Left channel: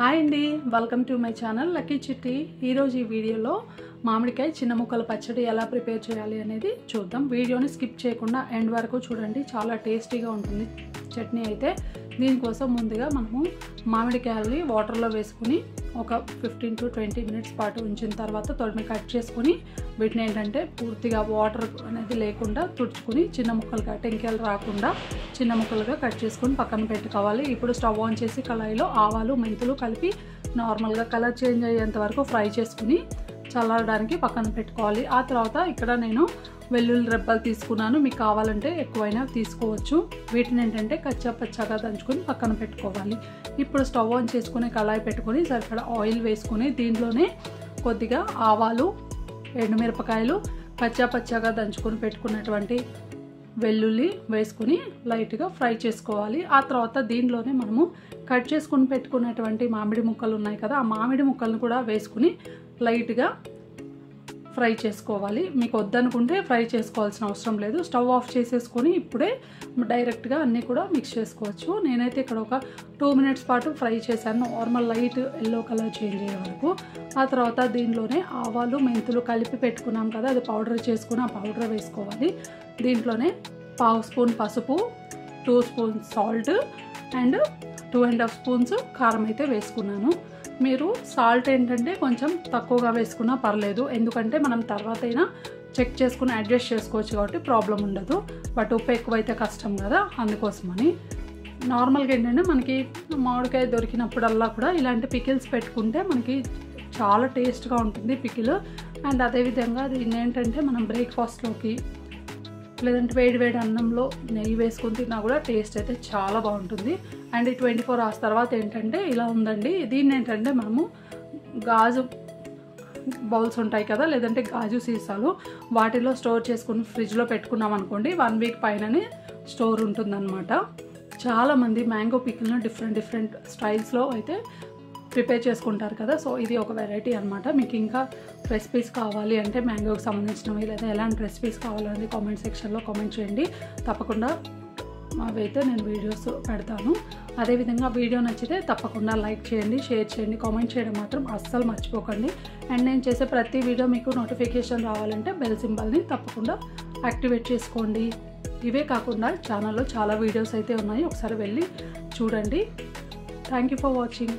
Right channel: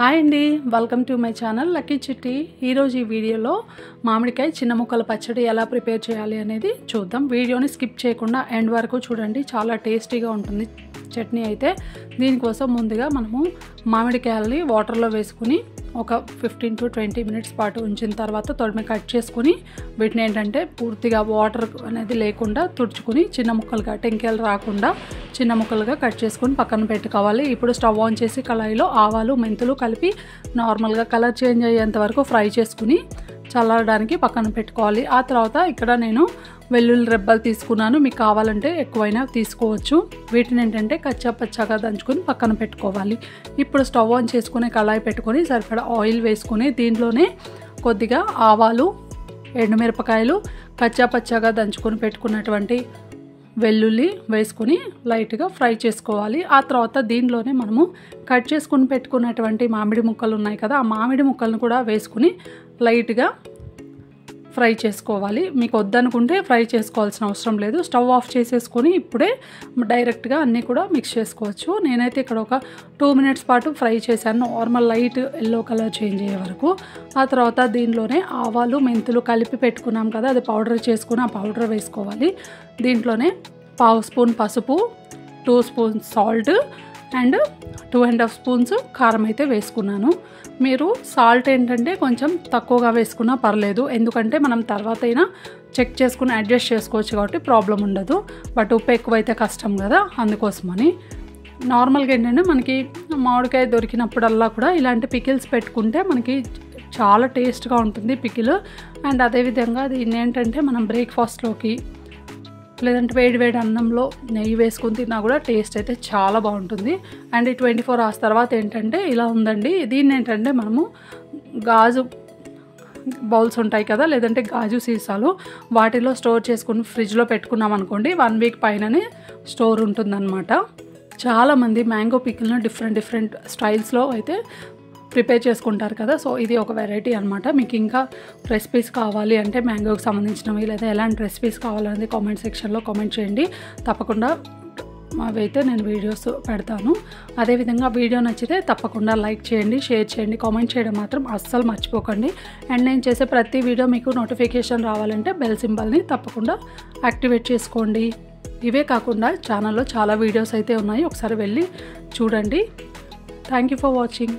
Hi అండి, welcome to my channel lucky చిట్టి. ఈరోజు ఈ వీడియోలో మామిడికాయ చిన్న ముక్కల పచ్చడి ఎలా ప్రిపేర్ చేయాలి అనేది చూద్దాం. వీడియోని స్కిప్ చేయకుండా ఎండ్ వరకు చూడండి, చాలా టేస్టీగా ఉంటుంది చట్నీ అయితే. దీనికోసం ముందుగా మనము మామిడికాయలని వాటర్లో వేసుకుని ఒక 15 to 20 మినిట్స్ పాటు ఉంచిన తర్వాత తొడిమి కట్ చేసుకుని వీటిని ఏంటంటే పూర్తిగా వాటర్ అనేది లేకుండా తుడుచుకుని చిన్న ముక్కలుగా, టెంకాయలు రాకుండా చిన్న ముక్కలుగా కట్ చేసుకుని పక్కన పెట్టుకోవాలి. ఇప్పుడు స్టవ్ ఆన్ చేసి కళాయిలో ఆవాలు, మెంతులు కలిపి నార్మల్గా కలర్ చేంజ్ అయ్యేంత వరకు ఫ్రై చేసుకుని చల్లారడానికి పక్కన పెట్టుకోవాలి. ఆ తర్వాత ఇక్కడ నేను వెల్లుల్లి రెబ్బలు తీసుకున్నాను, మీకు కావాలంటే ఎక్కువైనా తీసుకోవచ్చు. వీటిని ఏంటంటే కచ్చా పచ్చాగా దంచుకొని పక్కన పెట్టుకోవాలి. ఇప్పుడు స్టవ్ ఆన్ చేసుకుని కళాయి పెట్టుకొని సరిపడా ఆయిల్ వేసుకుని దీంట్లోనే కొద్దిగా ఆవాలు, ఎండుమిరపకాయలు, కచ్చా పచ్చాగా దంచుకొని పెట్టుకున్నటువంటి వెల్లుల్లి వేసుకుని లైట్గా ఫ్రై చేసుకోవాలి. ఆ తర్వాత దీనిలోనే మనము కట్ చేసుకుని పెట్టుకున్నటువంటి మామిడి ముక్కలు ఉన్నాయి కదా, ఆ మామిడి ముక్కలను కూడా వేసుకుని లైట్గా ఫ్రై చేసుకోవాలి. మీకు వద్దనుకుంటే ఫ్రై చేసుకోవాల్సిన అవసరం లేదు. స్టవ్ ఆఫ్ చేసేసుకొని ఇప్పుడే డైరెక్ట్గా అన్నీ కూడా మిక్స్ చేసుకోవచ్చు. నేనైతే ఇక్కడ ఒక 2 మినిట్స్ పాటు ఫ్రై చేశాను, normal light yellow colour change అయ్యే వరకు. ఆ తర్వాత దీనిలోనే ఆవాలు, మెంతులు కలిపి పెట్టుకున్నాం కదా, అది పౌడర్ చేసుకుని ఆ పౌడర్ వేసుకోవాలి. దీంట్లోనే 1/2 స్పూన్ పసుపు, 2 స్పూన్స్ సాల్ట్ అండ్ 2.5 స్పూన్స్ కారం అయితే వేసుకున్నాను. మీరు సాల్ట్ ఏంటంటే కొంచెం తక్కువగా వేసుకున్నా పర్లేదు, ఎందుకంటే మనం తర్వాత అయినా చెక్ చేసుకుని అడ్జస్ట్ చేసుకోవచ్చు కాబట్టి ప్రాబ్లం ఉండదు. బట్ ఉప్పు ఎక్కువైతే కష్టం కదా, అందుకోసమని. నార్మల్గా ఏంటంటే మనకి మామిడికాయ దొరికినప్పుడల్లా కూడా ఇలాంటి పికిల్స్ పెట్టుకుంటే మనకి చాలా టేస్ట్గా ఉంటుంది పికిల్. అండ్ అదేవిధంగా దీన్ని ఏంటంటే మనం బ్రేక్ఫాస్ట్లోకి లేదంటే వేడి అన్నంలో నెయ్యి వేసుకుని తిన్నా కూడా టేస్ట్ అయితే చాలా బాగుంటుంది. అండ్ ఈ 24 hours తర్వాత ఏంటంటే ఇలా ఉందండి. దీన్ని ఏంటంటే మనము గాజు బౌల్స్ ఉంటాయి కదా, లేదంటే గాజు సీసాలు, వాటిలో స్టోర్ చేసుకుని ఫ్రిడ్జ్లో పెట్టుకున్నాం అనుకోండి, 1 వీక్ పైననే స్టోర్ ఉంటుందన్నమాట. చాలామంది మ్యాంగో పికిల్ను డిఫరెంట్ స్టైల్స్లో అయితే ప్రిపేర్ చేసుకుంటారు కదా, సో ఇది ఒక వెరైటీ అనమాట. మీకు ఇంకా రెసిపీస్ కావాలి అంటే మ్యాంగోకి సంబంధించినవి లేదా ఎలాంటి రెసిపీస్ కావాలనేది కామెంట్ సెక్షన్లో కామెంట్ చేయండి. తప్పకుండా అవైతే నేను వీడియోస్ పెడతాను. అదేవిధంగా వీడియో నచ్చితే తప్పకుండా లైక్ చేయండి, షేర్ చేయండి, కామెంట్ చేయడం మాత్రం అస్సలు మర్చిపోకండి. అండ్ నేను చేసే ప్రతి వీడియో మీకు నోటిఫికేషన్ రావాలంటే బెల్ సింబల్ని తప్పకుండా యాక్టివేట్ చేసుకోండి. ఇవే కాకుండా ఛానల్లో చాలా వీడియోస్ అయితే ఉన్నాయి, ఒకసారి వెళ్ళి చూడండి. Thank you for watching.